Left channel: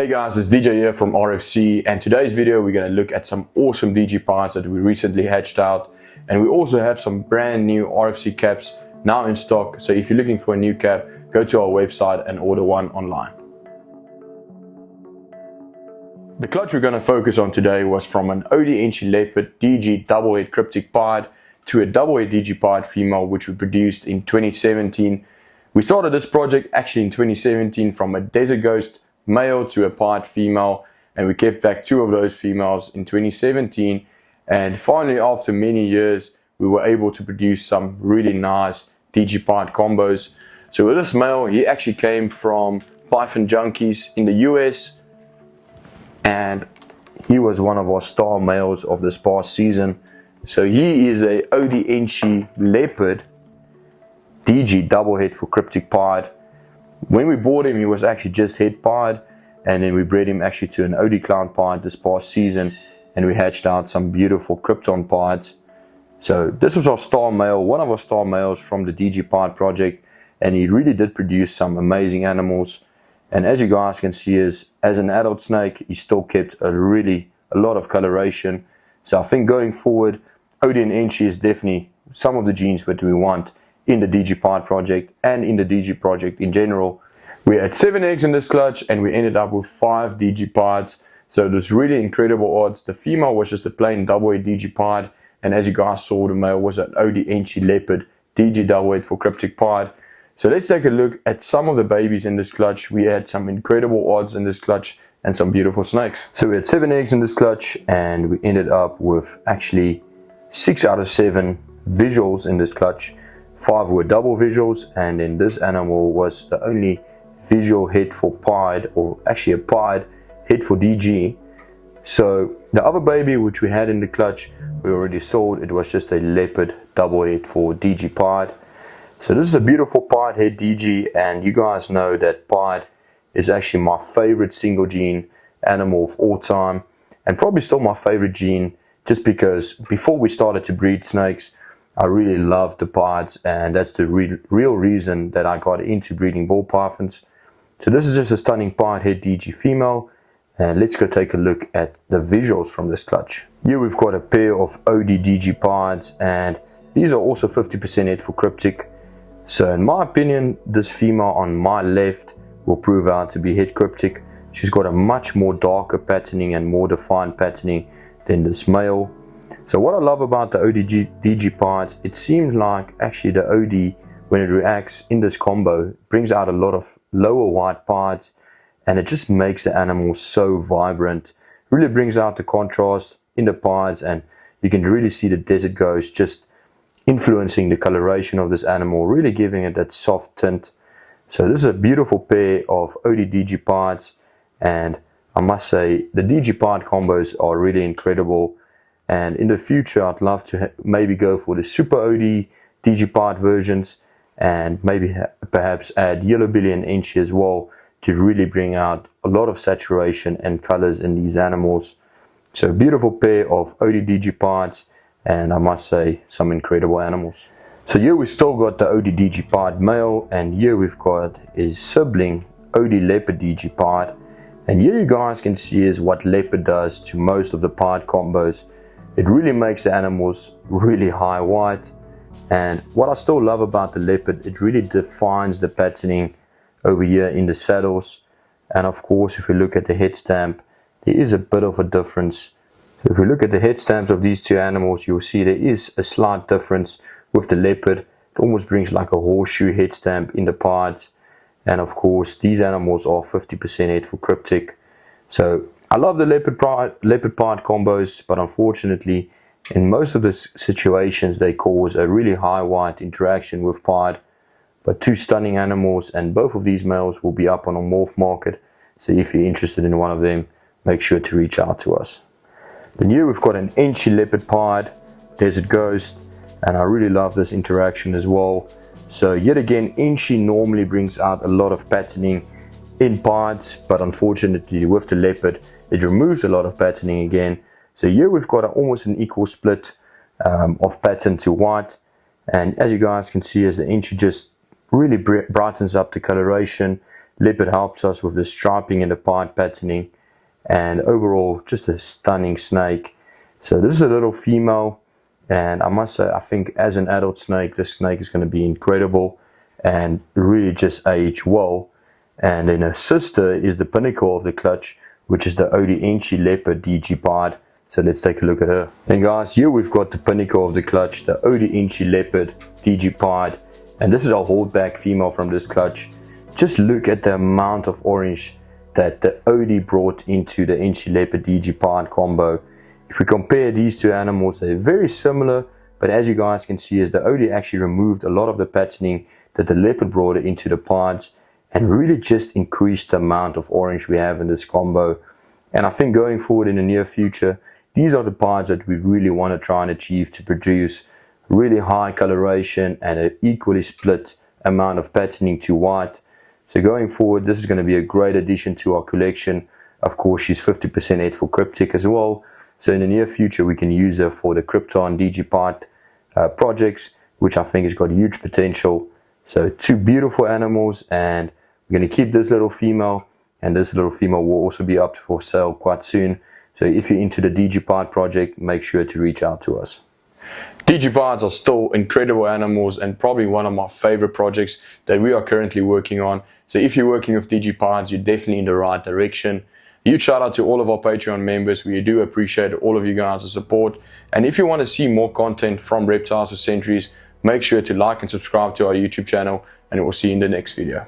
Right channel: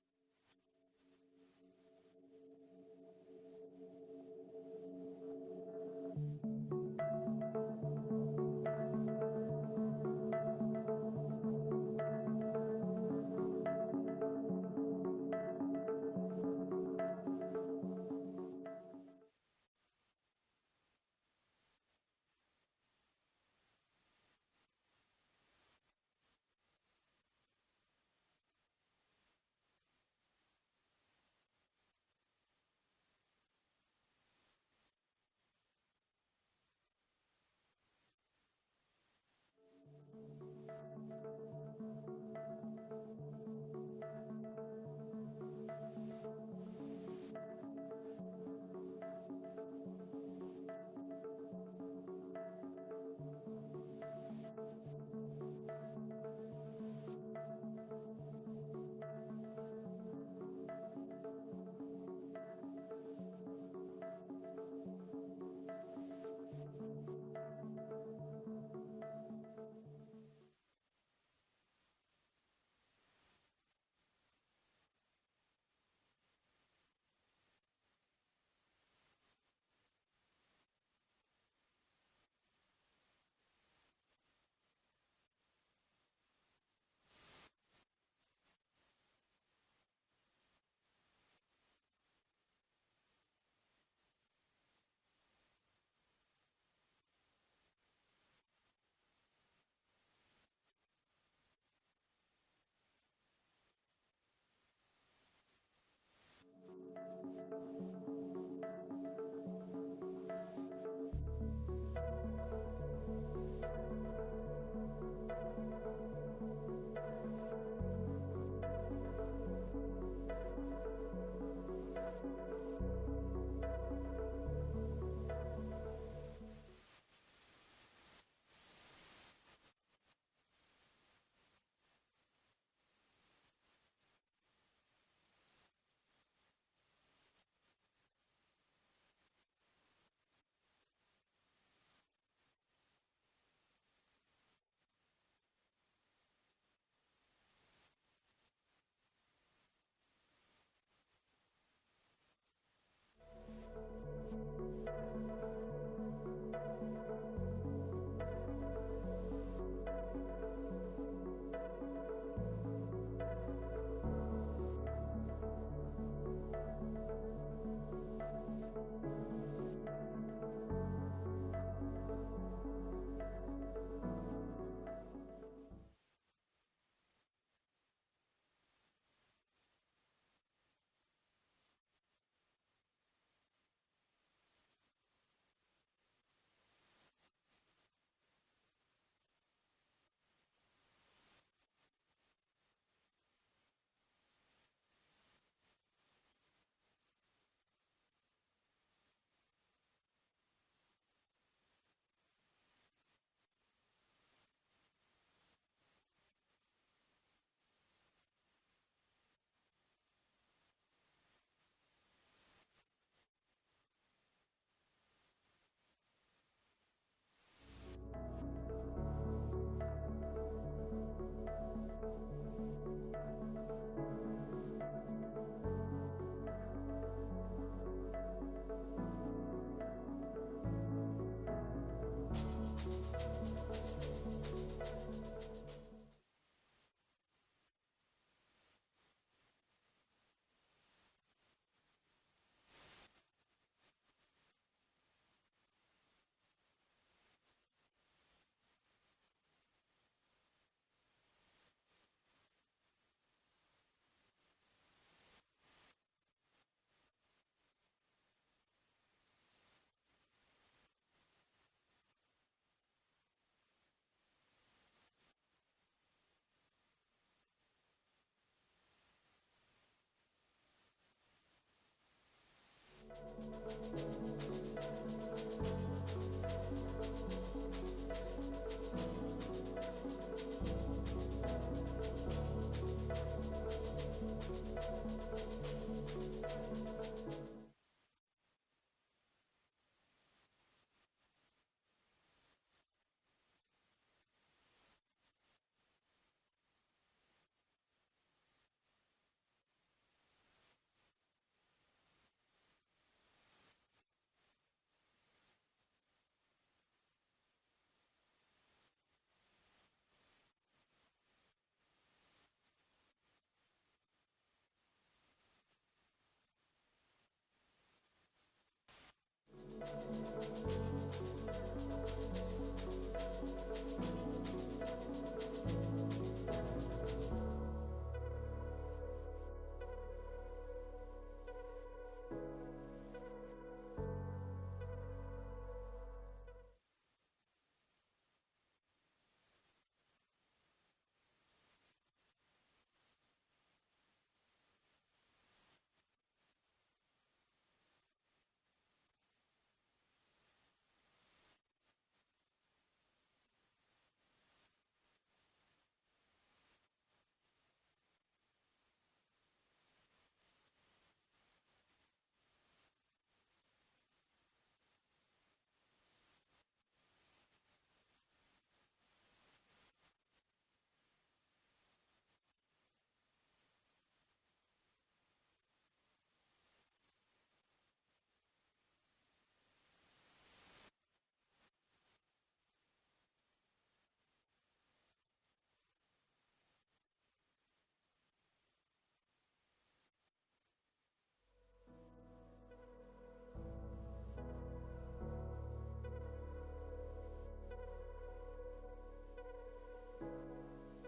Hey guys, it's DJ here from RFC, and today's video we're going to look at some awesome DG parts that we recently hatched out, and we also have some brand new RFC caps now in stock. So if you're looking for a new cap, go to our website and order one online. The clutch we're going to focus on today was from an OD Enchi Leopard DG double head cryptic pied to a double head DG pied female, which we produced in 2017. We started this project actually in 2017 from a Desert Ghost male to a pied female, and we kept back two of those females in 2017, and finally after many years we were able to produce some really nice DG pied combos. So with this male, he actually came from Python Junkies in the US, and he was one of our star males of this past season. So he is a OD Enchi Leopard DG double head for cryptic pied. When we bought him, he was actually just head pied, and then we bred him actually to an OD clown pied this past season, and we hatched out some beautiful krypton pieds. So this was our star male, one of our star males from the DG pied project, and he really did produce some amazing animals. And as you guys can see, as an adult snake, he still kept a lot of coloration. So I think going forward, OD and Enchi is definitely some of the genes that we want in the DG pied project and in the DG project in general. We had 7 eggs in this clutch, and we ended up with 5 DG pieds. So it was really incredible odds. The female was just a plain double head DG pied, and as you guys saw, the male was an OD Enchi Leopard DG double head for cryptic pied. So let's take a look at some of the babies in this clutch. We had some incredible odds in this clutch and some beautiful snakes. So we had 7 eggs in this clutch, and we ended up with actually 6 out of 7 visuals in this clutch. 5 were double visuals, and then this animal was the only visual head for pied, or actually a pied head for DG. So the other baby which we had in the clutch, we already sold. It was just a leopard double head for DG pied. So this is a beautiful pied head DG, and you guys know that pied is actually my favorite single gene animal of all time, and probably still my favorite gene, just because before we started to breed snakes, I really loved the pieds, and that's the real reason that I got into breeding ball pythons. So this is just a stunning pied head DG female, and let's go take a look at the visuals from this clutch. Here we've got a pair of OD DG pieds, and these are also 50% head for cryptic. So in my opinion, this female on my left will prove out to be head cryptic. She's got a much more darker patterning and more defined patterning than this male. So what I love about the OD DG pieds, it seems like actually the OD, when it reacts in this combo, brings out a lot of lower white pieds, and it just makes the animal so vibrant. Really brings out the contrast in the pieds, and you can really see the Desert Ghost just influencing the coloration of this animal, really giving it that soft tint. So this is a beautiful pair of OD DG pieds, and I must say the DG pied combos are really incredible. And in the future, I'd love to maybe go for the Super OD DG pied versions, and maybe perhaps add Yellow Belly and Enchi as well, to really bring out a lot of saturation and colors in these animals. So beautiful pair of OD DG pieds, and I must say some incredible animals. So here we still got the OD DG pied male, and here we've got his sibling OD Leopard DG pied. And here you guys can see is what Leopard does to most of the pied combos. It really makes the animals really high white, and what I still love about the Leopard, it really defines the patterning over here in the saddles. And of course, if we look at the head stamp, there is a bit of a difference. If we look at the head stamps of these two animals, you'll see there is a slight difference with the Leopard. It almost brings like a horseshoe head stamp in the pieds, and of course these animals are 50% head for cryptic. So I love the leopard pied combos, but unfortunately in most of the situations they cause a really high white interaction with pied. But two stunning animals, and both of these males will be up on a morph market, so if you're interested in one of them, make sure to reach out to us. Then here we've got an Enchi Leopard pied Desert Ghost, and I really love this interaction as well. So yet again, Enchi normally brings out a lot of patterning in pieds, but unfortunately with the Leopard it removes a lot of patterning again. So here we've got almost an equal split of pattern to white, and as you guys can see, as the Enchi just really brightens up the coloration, Leopard helps us with the striping and the pied patterning, and overall just a stunning snake. So this is a little female, and I must say, I think as an adult snake, this snake is going to be incredible and really just age well. And then her sister is the pinnacle of the clutch, which is the Odienchi Leopard DG pied. So let's take a look at her. And guys, here we've got the pinnacle of the clutch, the Odienchi Leopard DG pied, and this is a holdback female from this clutch. Just look at the amount of orange that the Odie brought into the Enchi Leopard DG pied combo. If we compare these two animals, they're very similar, but as you guys can see, is the Odie actually removed a lot of the patterning that the Leopard brought into the pieds, and really just increased the amount of orange we have in this combo. And I think going forward in the near future, these are the pieds that we really want to try and achieve to produce really high coloration and an equally split amount of patterning to white. So going forward, this is going to be a great addition to our collection. Of course, she's 50% head for cryptic as well. So in the near future, we can use her for the Krypton DG pied projects, which I think has got huge potential. So two beautiful animals, and we're going to keep this little female, and this little female will also be up for sale quite soon. So if you're into the DG pied project, make sure to reach out to us. DG pieds are still incredible animals and probably one of my favorite projects that we are currently working on. So if you're working with DG pieds, you're definitely in the right direction. Huge shout out to all of our Patreon members. We do appreciate all of you guys' support. And if you want to see more content from Reptiles for Centuries, make sure to like and subscribe to our YouTube channel, and we'll see you in the next video.